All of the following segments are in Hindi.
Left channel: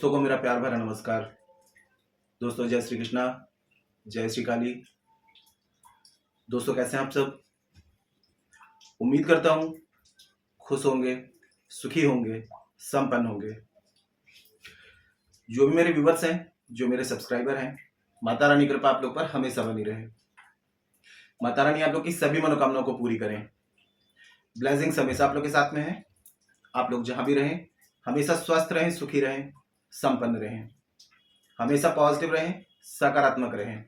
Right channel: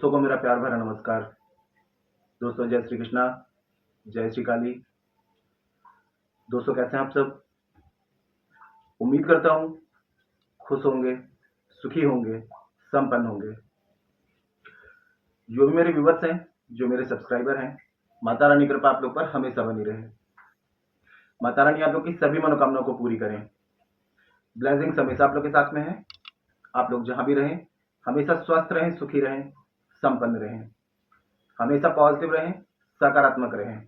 दोस्तों को मेरा प्यार भरा नमस्कार। दोस्तों जय श्री कृष्णा, जय श्री काली। दोस्तों कैसे हैं आप सब? उम्मीद करता हूँ खुश होंगे, सुखी होंगे, संपन्न होंगे। जो भी मेरे व्यूवर्स हैं, जो मेरे सब्सक्राइबर हैं, माता रानी कृपा आप लोग पर हमेशा बनी रहे। माता रानी आप लोग की सभी मनोकामनाओं को पूरी करें। ब्लेसिंग्स हमेशा आप लोग के साथ में है। आप लोग जहाँ भी रहें हमेशा स्वस्थ रहें, सुखी रहें, संपन्न रहें, हमेशा पॉजिटिव रहें, सकारात्मक रहें।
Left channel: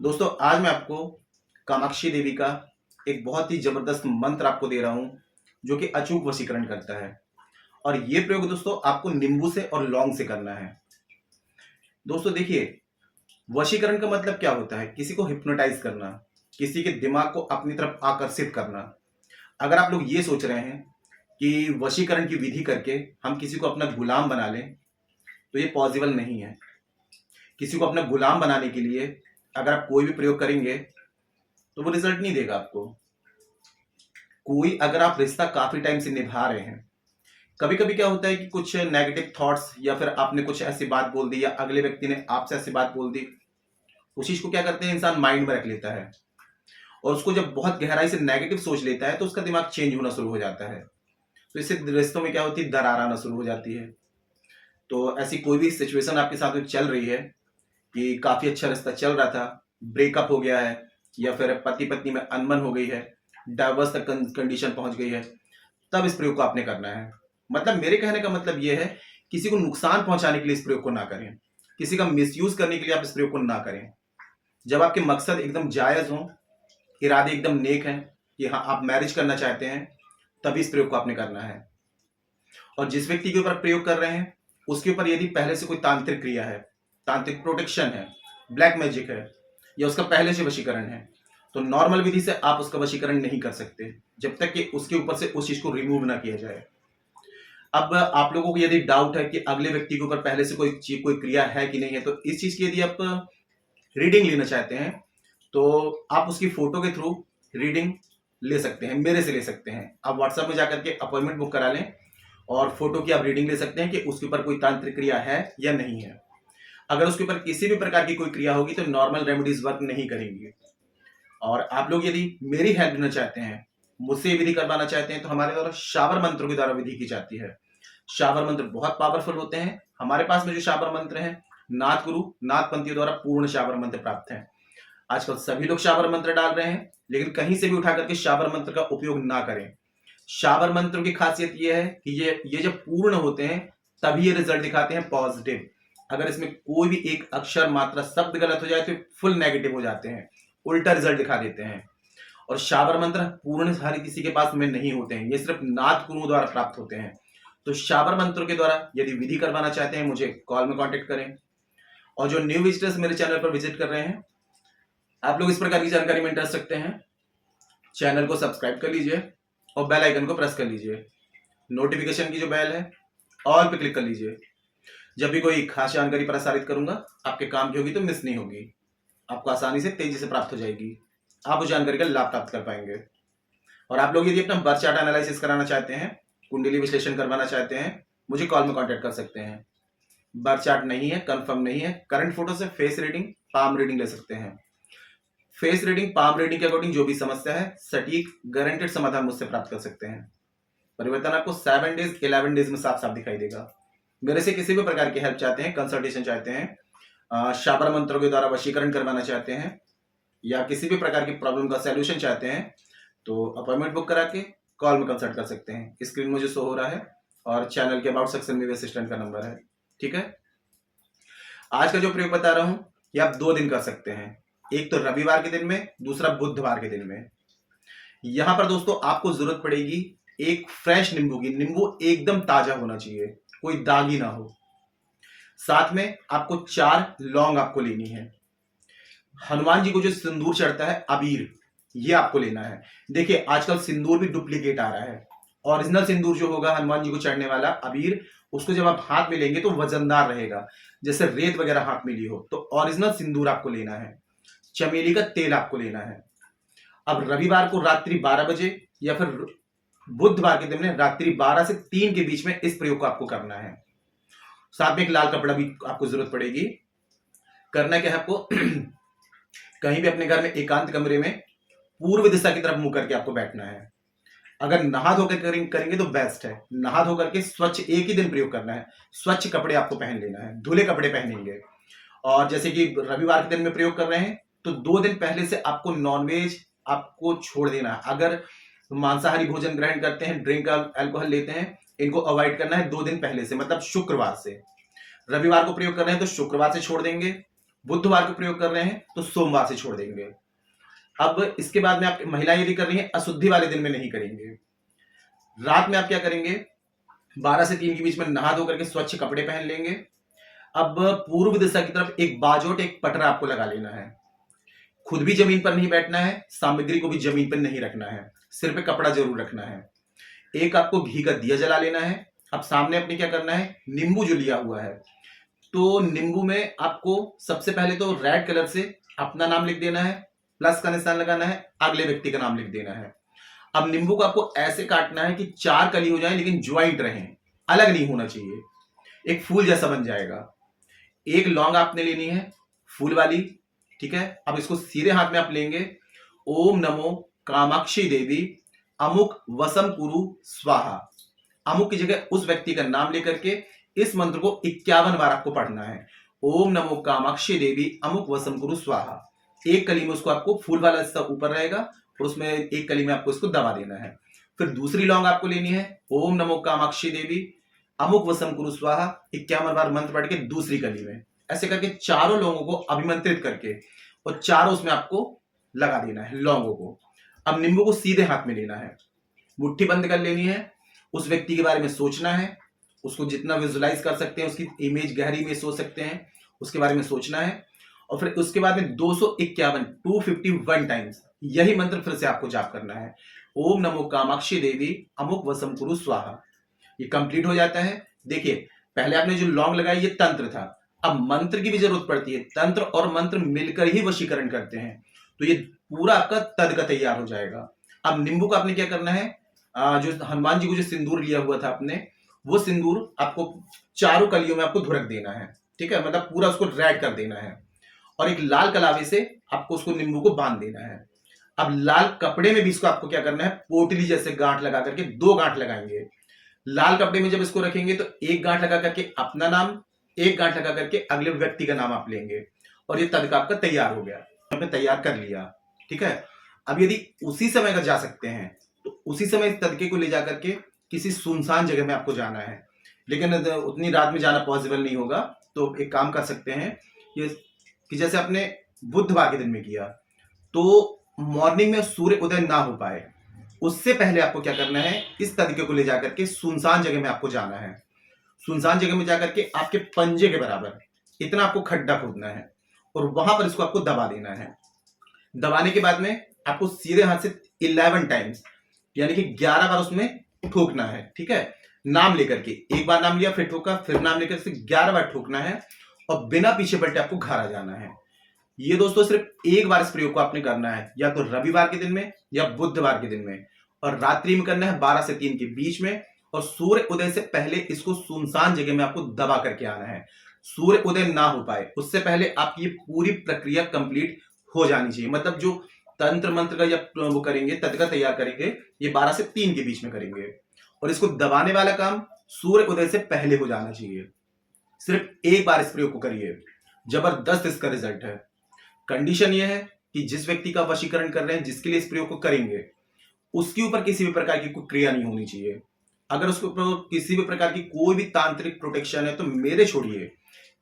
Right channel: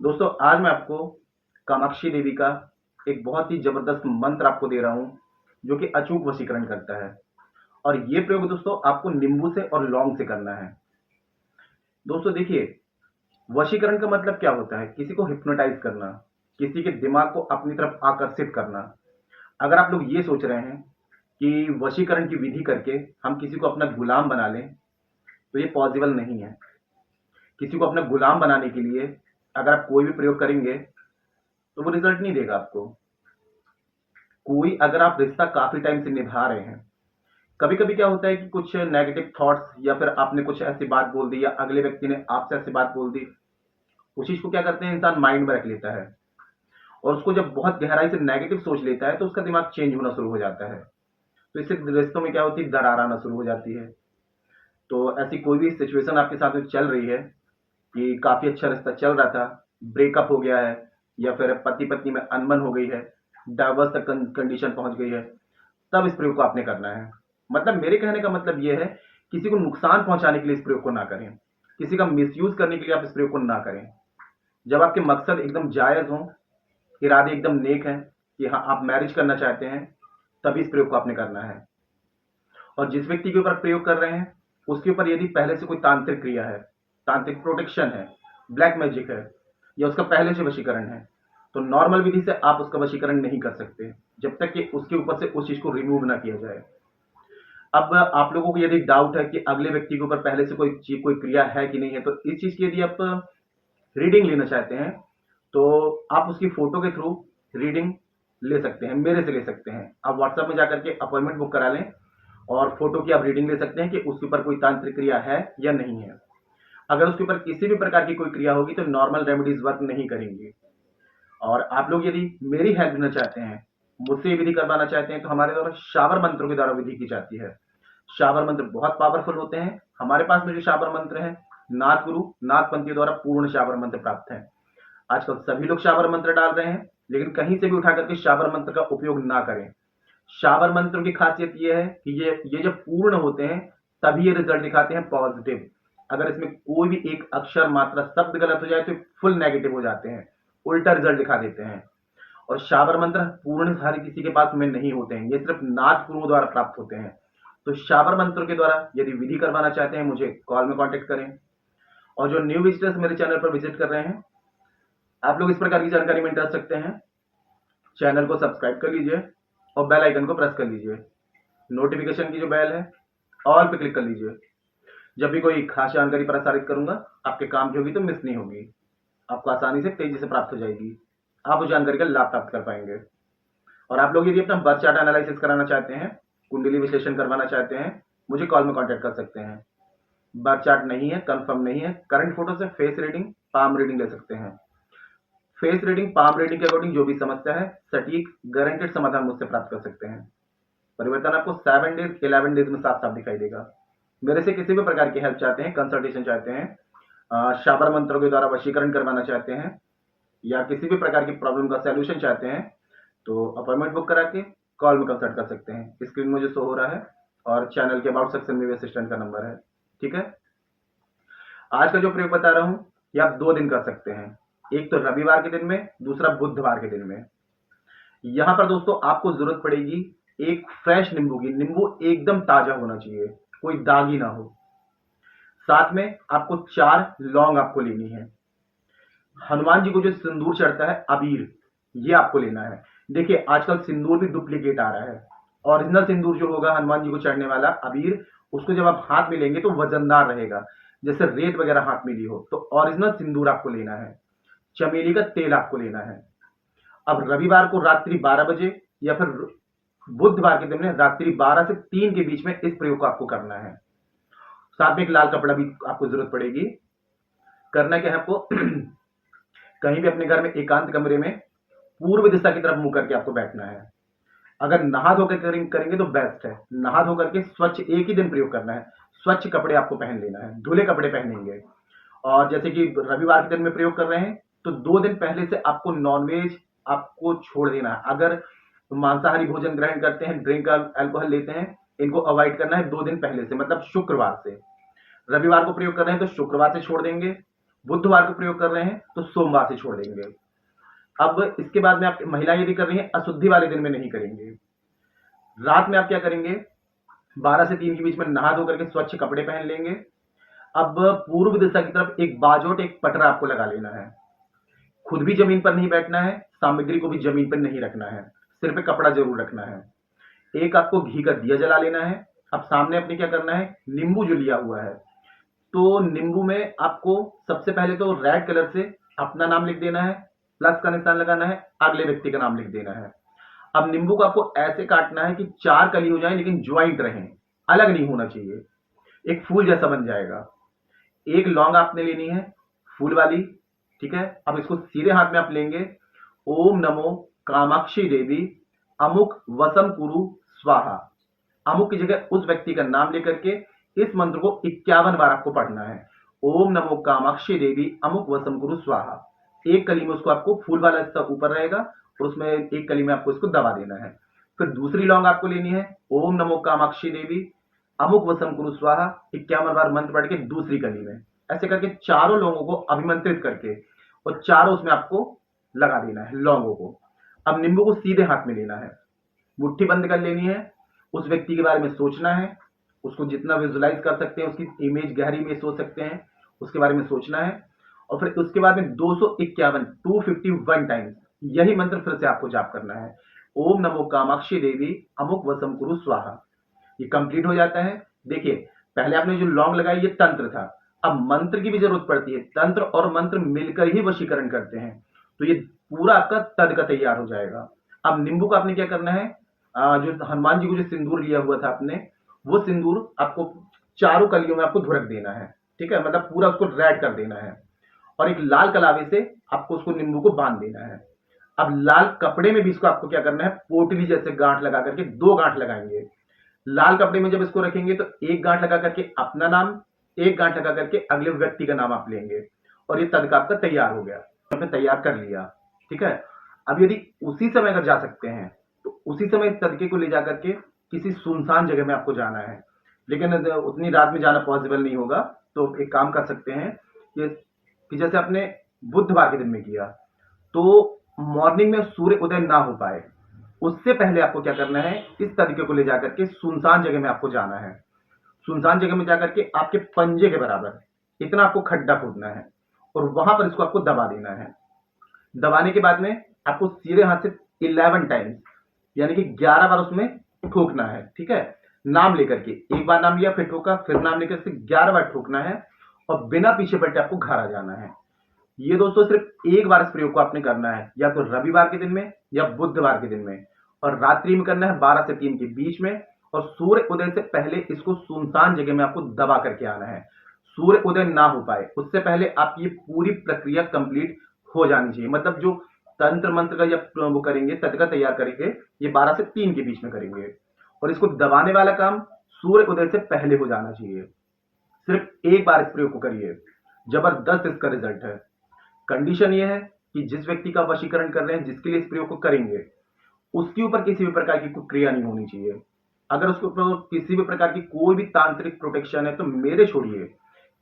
दोस्तों आज मैं आपको कामाक्षी देवी का एक बहुत ही जबरदस्त मंत्र आपको दे रहा हूं जो कि अचूक वशीकरण करता है। और ये प्रयोग दोस्तों आपको नींबू से और लौंग से करना है। दोस्तों देखिए, वशीकरण का मतलब क्या होता है? किसी को हिप्नोटाइज करना, किसी के दिमाग को अपनी तरफ आकर्षित करना। अगर आप लोग ये सोच रहे हैं कि वशीकरण की विधि करके हम किसी को अपना गुलाम बना लें, तो ये पॉसिबल नहीं है। किसी को अपना गुलाम बनाने के लिए अगर आप कोई भी प्रयोग करेंगे तो वो रिजल्ट नहीं देगा आपको। कोई अगर आप रिश्ता काफी टाइम से निभा रहे हैं, कभी कभी क्या होता है कि कुछ नेगेटिव थॉट्स या फिर आपने कुछ ऐसी बात बोल दी या अगले व्यक्ति ने आपसे ऐसी बात बोल दी, उस चीज को क्या करते हैं इंसान माइंड में रख लेता है और उसको जब बहुत गहराई से नेगेटिव सोच लेता है तो उसका दिमाग चेंज होना शुरू हो जाता है। तो इससे रिश्तों में क्या होती है, दरार आना शुरू हो जाती है। तो ऐसी कोई भी सिचुएशन आपके साथ में चल रही है कि काफी अच्छा रिश्ता चल रहा था, ब्रेकअप हो गया है या फिर पति पत्नी में अनबन हो गई है, डाइवोर्स तक कंडीशन पहुंच गई है, तब इस प्रयोग को आपने करना है। मतलब मेरे कहने का मतलब यह है, किसी को नुकसान पहुंचाने के लिए इस प्रयोग को ना करें, किसी का मिसयूज करने के लिए आप इस प्रयोग को ना करें। जब आपके मकसद एकदम जायज हो, इरादे एकदम नेक हैं कि हाँ आप मैरिज करना चाहते हैं, तभी इस प्रयोग को आपने करना है। और जिस व्यक्ति के ऊपर प्रयोग कर रहे हैं उसके ऊपर यदि पहले से कोई तांत्रिक क्रिया है, तांत्रिक प्रोटेक्शन है, ब्लैक मैजिक है या उसका पहले से वशीकरण है, तो नॉर्मल विधि से आप उसका वशीकरण नहीं कर सकते जब तक कि उसके ऊपर से उस चीज को रिमूव ना किया जाए। अब आप लोगों को यदि डाउट है कि अगले व्यक्ति के ऊपर पहले से कोई क्रिया है कि नहीं है, तो इस चीज की यदि आप रीडिंग लेना चाहते हैं तो आप उसकी फोटो के थ्रू रीडिंग ले सकते हैं, मेरे से ले सकते हैं। आप व्हाट्सएप में जाकर के अपॉइंटमेंट बुक करा लें और फोटो की आप रीडिंग ले सकते हैं कि उसके ऊपर कोई तांत्रिक क्रिया है या नहीं है। अगर उसके ऊपर किसी भी प्रकार की कोई क्रिया होगी तो नॉर्मल रेमेडीज वर्क नहीं करेंगी। और आप लोग यदि मेरी हेल्प लेना चाहते हैं, मुझसे विधि करवाना चाहते हैं, तो हमारे द्वारा शाबर मंत्रों के द्वारा विधि की जाती है। शाबर मंत्र बहुत पावरफुल होते हैं। हमारे पास में जो शाबर मंत्र हैं, नाथ गुरु नाथपंथियों द्वारा पूर्ण शाबर मंत्र प्राप्त है। आजकल सभी लोग शाबर मंत्र डाल रहे हैं, लेकिन कहीं से भी उठा करके शाबर मंत्र का उपयोग ना करें। शाबर मंत्रों की खासियत यह है कि ये जब पूर्ण होते हैं तभी ये रिजल्ट दिखाते हैं पॉजिटिव। अगर इसमें कोई भी एक अक्षर मात्रा शब्द गलत हो जाए तो फुल नेगेटिव हो जाते हैं, उल्टा रिजल्ट दिखा देते हैं। और शाबर मंत्र पूर्ण हर किसी के पास में नहीं होते हैं, ये सिर्फ नाथ गुरुओं द्वारा प्राप्त होते हैं। तो शाबर मंत्रों के द्वारा यदि विधि करवाना चाहते हैं, मुझे कॉल में कांटेक्ट करें। और जो न्यू विजिटर्स मेरे चैनल पर विजिट कर रहे हैं, आप लोग इस प्रकार की जानकारी में इंटरेस्ट रखते हैं, चैनल को सब्सक्राइब कर लीजिए और बेल आइकन को प्रेस कर लीजिए। नोटिफिकेशन की जो बेल है ऑल पे क्लिक कर लीजिए। जब भी कोई खास जानकारी प्रसारित करूंगा आपके काम की होगी तो मिस नहीं होगी, आपको आसानी से तेजी से प्राप्त हो जाएगी, आप उस जानकारी का लाभ प्राप्त कर पाएंगे। और आप लोग यदि अपना बर्थ चार्ट एनालिसिस कराना चाहते हैं, कुंडली विश्लेषण करवाना चाहते हैं, मुझे कॉल में कांटेक्ट कर सकते हैं। बर्थ चार्ट नहीं है, कंफर्म नहीं है, करंट फोटो से फेस रीडिंग, पाम रीडिंग ले सकते हैं। फेस रीडिंग, पाम रीडिंग के अकॉर्डिंग जो भी समस्या है, सटीक गारंटेड समाधान मुझसे प्राप्त कर सकते हैं। परिवर्तन आपको 7 डेज 11 डेज में साफ साफ दिखाई देगा। मेरे से किसी भी प्रकार की हेल्प चाहते हैं, कंसल्टेशन चाहते हैं, शाबर मंत्रों के द्वारा वशीकरण करवाना चाहते हैं या किसी भी प्रकार की प्रॉब्लम का सैल्यूशन चाहते हैं, तो अपॉइंटमेंट बुक करा के कॉल में कंसल्ट कर सकते हैं। स्क्रीन मुझे शो हो रहा है और चैनल के अबाउट सेक्शन में भी असिस्टेंट का नंबर है। ठीक है, आज का जो प्रयोग बता रहा हूं ये आप 2 दिन कर सकते हैं, एक तो रविवार के दिन में, दूसरा बुधवार के दिन में। यहां पर दोस्तों आपको जरूरत पड़ेगी एक फ्रेश नींबू की। नींबू एकदम ताजा होना चाहिए, कोई दाग ही ना हो। साथ में आपको 4 लौंग आपको लेनी है। हनुमान जी को जो सिंदूर चढ़ता है अबीर, ये आपको लेना है। देखिए आजकल सिंदूर भी डुप्लीकेट आ रहा है। ओरिजिनल सिंदूर जो होगा हनुमान जी को चढ़ने वाला अबीर, उसको जब आप हाथ में लेंगे तो वजनदार रहेगा, जैसे रेत वगैरह हाथ में ली हो। तो ओरिजिनल सिंदूर आपको लेना है। चमेली का तेल आपको लेना है। अब रविवार को रात्रि 12 बजे या फिर बुधवार के दिन में रात्रि 12 से 3 के बीच में इस प्रयोग को आपको करना है। साथ में एक लाल कपड़ा भी आपको जरूरत पड़ेगी। करना क्या है आपको कहीं भी अपने घर में एकांत कमरे में पूर्व दिशा की तरफ मुंह करके आपको बैठना है। अगर नहा धोकर करेंगे तो बेस्ट है। नहा धो करके स्वच्छ एक ही दिन प्रयोग करना है। स्वच्छ कपड़े आपको पहन लेना है, धुले कपड़े पहनेंगे। और जैसे कि रविवार के दिन में प्रयोग कर रहे हैं तो 2 दिन पहले से आपको नॉनवेज आपको छोड़ देना है। अगर मांसाहारी भोजन ग्रहण करते हैं, ड्रिंक अल्कोहल लेते हैं, इनको अवॉइड करना है 2 दिन पहले से, मतलब शुक्रवार से। रविवार को प्रयोग कर रहे हैं तो शुक्रवार से छोड़ देंगे, बुधवार को प्रयोग कर रहे हैं तो सोमवार से छोड़ देंगे। अब इसके बाद में आप महिलाएं यदि कर रही हैं, अशुद्धि वाले दिन में नहीं करेंगे। रात में आप क्या करेंगे, 12 से 3 के बीच में नहा धो करके स्वच्छ कपड़े पहन लेंगे। अब पूर्व दिशा की तरफ एक बाजोट, एक पटरा आपको लगा लेना है। खुद भी जमीन पर नहीं बैठना है, सामग्री को भी जमीन पर नहीं रखना है, सिर पे कपड़ा जरूर रखना है। एक आपको घी का दिया जला लेना है। अब सामने अपने क्या करना है, नींबू जो लिया हुआ है, तो नींबू में आपको सबसे पहले तो रेड कलर से अपना नाम लिख देना है, प्लस का निशान लगाना है, अगले व्यक्ति का नाम लिख देना है। अब नींबू को आपको ऐसे काटना है कि 4 कली हो जाए लेकिन ज्वाइंट रहें, अलग नहीं होना चाहिए, एक फूल जैसा बन जाएगा। एक लौंग आपने लेनी है फूल वाली, ठीक है। अब इसको सीधे हाथ में आप लेंगे, ओम नमो कामाक्षी देवी अमुक वसम कुरु स्वाहा। अमुक की जगह उस व्यक्ति का नाम लेकर के इस मंत्र को 51 बार आपको पढ़ना है। ओम नमो कामाक्षी देवी अमुक वसम कुरु स्वाहा। एक कली में उसको आपको फूल वाला हिस्सा ऊपर रहेगा और उसमें एक कली में आपको इसको दबा देना है। फिर दूसरी लौंग आपको लेनी है, ओम नमो कामाक्षी देवी अमुक वसम कुरु स्वाहा, 51 बार मंत्र पढ़ के दूसरी कली में, ऐसे करके चारों लोगों को अभिमंत्रित करके और चारों उसमें आपको लगा देना है लौंगों को। अब नींबू को सीधे हाथ में लेना है, मुट्ठी बंद कर लेनी है, उस व्यक्ति के बारे में सोचना है, उसको जितना विजुलाइज कर सकते हैं, उसकी इमेज गहरी में सोच सकते हैं, उसके बारे में सोचना है। और फिर उसके बाद में 251 टाइम्स यही मंत्र फिर से आपको जाप करना है, ओम नमो कामाक्षी देवी अमुक वसम कुरु स्वाहा। ये कंप्लीट हो जाता है। देखिए पहले आपने जो लौंग लगाई ये तंत्र था, अब मंत्र की भी जरूरत पड़ती है। तंत्र और मंत्र मिलकर ही वशीकरण करते हैं, तो ये पूरा आपका तद का तैयार हो जाएगा। अब नींबू का आपने क्या करना है, जो हनुमान जी को जो सिंदूर लिया हुआ था आपने, वो सिंदूर आपको चारों कलियों में आपको धुरक देना है, ठीक है, मतलब पूरा उसको रेड कर देना है। और एक लाल कलावे से आपको उसको नींबू को बांध देना है। अब लाल कपड़े में भी इसको आपको क्या करना है, पोटली जैसे गांठ लगा करके 2 गांठ लगाएंगे। लाल कपड़े में जब इसको रखेंगे तो एक गांठ लगा करके अपना नाम, एक गांठ लगा करके अगले व्यक्ति का नाम आप लेंगे और ये तड़का आपका तैयार हो गया, आपने तैयार कर लिया, ठीक है। अब यदि उसी समय अगर जा सकते हैं तो उसी समय इस तड़के को ले जा करके किसी सुनसान जगह में आपको जाना है, लेकिन उतनी रात में जाना पॉसिबल नहीं होगा। तो एक काम कर सकते हैं ये कि जैसे आपने बुधवार के दिन में किया तो मॉर्निंग में सूर्य उदय ना हो पाए, उससे पहले आपको क्या करना है, इस तरीके को ले जाकर के सुनसान जगह में आपको जाना है। सुनसान जगह में जाकर के आपके पंजे के बराबर इतना आपको खड्डा खोदना है और वहां पर इसको आपको दबा देना है। दबाने के बाद में आपको सीधे हाथ से 11 टाइम्स यानी कि 11 बार उसमें ठोकना है, ठीक है। नाम लेकर के, एक बार नाम लिया फिर ठोका, फिर नाम लेकर से 11 बार ठोकना है और बिना पीछे पलटे आपको घर आ जाना है। ये दोस्तों सिर्फ एक बार इस प्रयोग को आपने करना है, या तो रविवार के दिन में या बुधवार के दिन में, और रात्रि में करना है 12 से 3 के बीच में। और सूर्य उदय से पहले इसको सुनसान जगह में आपको दबा करके आना है। सूर्य उदय ना हो पाए उससे पहले आपकी ये पूरी प्रक्रिया कंप्लीट हो जानी चाहिए। मतलब जो तंत्र मंत्र का या वो करेंगे, तड़का तैयार करेंगे, ये 12 से 3 के बीच में करेंगे और इसको दबाने वाला काम सूर्य उदय से पहले हो जाना चाहिए। सिर्फ एक बार इस प्रयोग को करिए, जबरदस्त इसका रिजल्ट है। कंडीशन यह है कि जिस व्यक्ति का वशीकरण कर रहे हैं, जिसके लिए इस प्रयोग को करेंगे, उसके ऊपर किसी भी प्रकार की कोई क्रिया नहीं होनी चाहिए। अगर उसके ऊपर किसी भी प्रकार की कोई भी तांत्रिक प्रोटेक्शन है तो मेरे छोड़िए,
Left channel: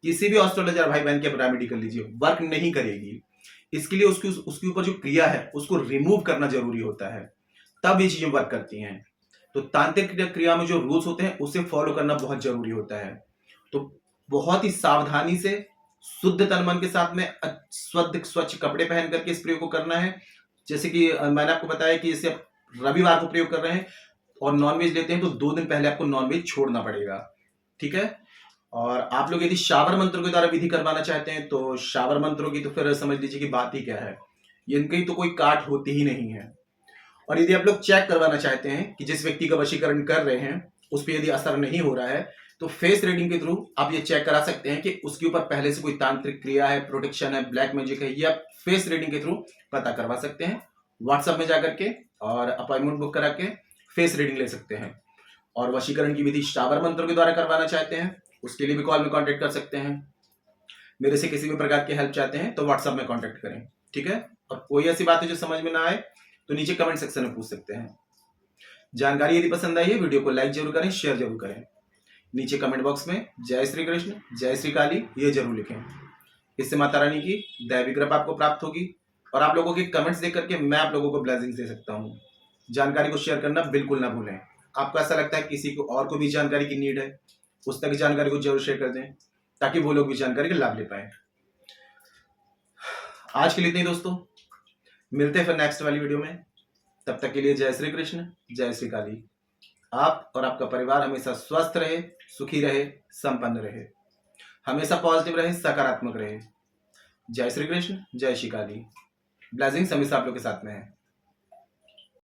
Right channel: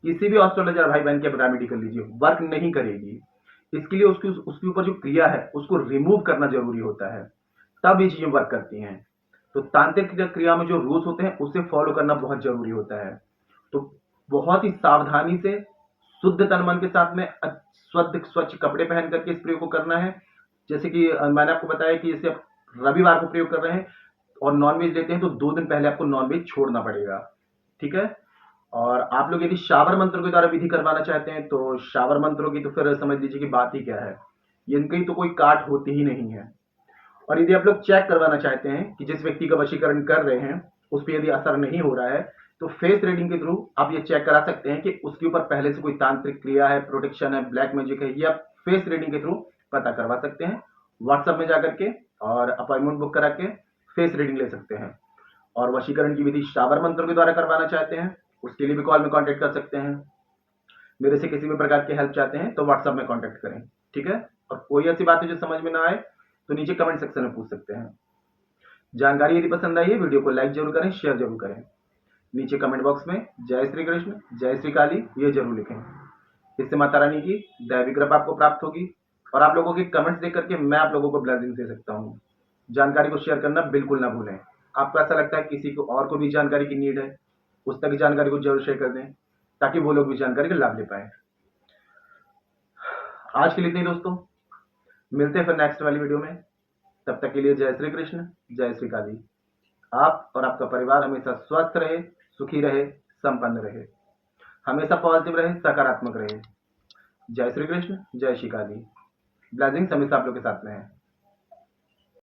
किसी भी एस्ट्रोलॉजर भाई बहन की आप रेमेडी कर लीजिए, वर्क नहीं करेगी। इसके लिए उसके ऊपर जो क्रिया है उसको रिमूव करना जरूरी होता है, तब ये चीजें वर्क करती हैं। तो तांत्रिक क्रिया में जो रूल्स होते हैं उसे फॉलो करना बहुत जरूरी होता है। तो बहुत ही सावधानी से, शुद्ध तन मन के साथ में स्वच्छ कपड़े पहन करके इस प्रयोग को करना है। जैसे कि मैंने आपको बताया कि जैसे आप रविवार को प्रयोग कर रहे हैं और नॉनवेज लेते हैं तो 2 दिन पहले आपको नॉनवेज छोड़ना पड़ेगा, ठीक है। और आप लोग यदि शावर मंत्रों के द्वारा विधि करवाना चाहते हैं तो शावर मंत्रों की तो फिर समझ लीजिए कि बात ही क्या है, इनकी तो कोई काट होती ही नहीं है। और यदि आप लोग चेक करवाना चाहते हैं कि जिस व्यक्ति का वशीकरण कर रहे हैं उस पर यदि असर नहीं हो रहा है, तो फेस रीडिंग के थ्रू आप ये चेक करा सकते हैं कि उसके ऊपर पहले से कोई तांत्रिक क्रिया है, प्रोटेक्शन है, ब्लैक मैजिक है, ये आप फेस रीडिंग के थ्रू पता करवा सकते हैं। व्हाट्सएप में जाकर के और अपॉइंटमेंट बुक करा के फेस रीडिंग ले सकते हैं। और वशीकरण की विधि शाबर मंत्रों के द्वारा करवाना चाहते हैं, उसके लिए भी कॉल में कॉन्टेक्ट कर सकते हैं। मेरे से किसी भी प्रकार की हेल्प चाहते हैं तो व्हाट्सएप में कॉन्टेक्ट करें, ठीक है। और कोई ऐसी बात है जो समझ में ना आए तो नीचे कमेंट सेक्शन में पूछ सकते हैं। जानकारी यदि पसंद आई है, वीडियो को लाइक जरूर करें, शेयर जरूर करें। नीचे कमेंट बॉक्स में जय श्री कृष्ण, जय श्री काली ये जरूर लिखें। इससे माता रानी की दैवी कृपा आपको प्राप्त होगी और आप लोगों के कमेंट्स देख करके मैं आप लोगों को ब्लेसिंग्स दे सकता हूँ। जानकारी को शेयर करना बिल्कुल ना भूलें। आपको ऐसा लगता है किसी को और को भी जानकारी की नीड है, उस तक जानकारी को जरूर शेयर कर दें ताकि वो लोग भी जानकारी का लाभ ले पाए। आज के लिए इतना ही दोस्तों, मिलते हैं फिर नेक्स्ट वाली वीडियो में। तब तक के लिए जय श्री कृष्ण, जय श्री काली। आप और आपका परिवार हमेशा स्वस्थ रहे, सुखी रहे, संपन्न रहे, हमेशा पॉजिटिव रहे, सकारात्मक रहे। जय श्री कृष्ण, जय श्री काली। ब्लेसिंग्स हमेशा आप लोग के साथ में है।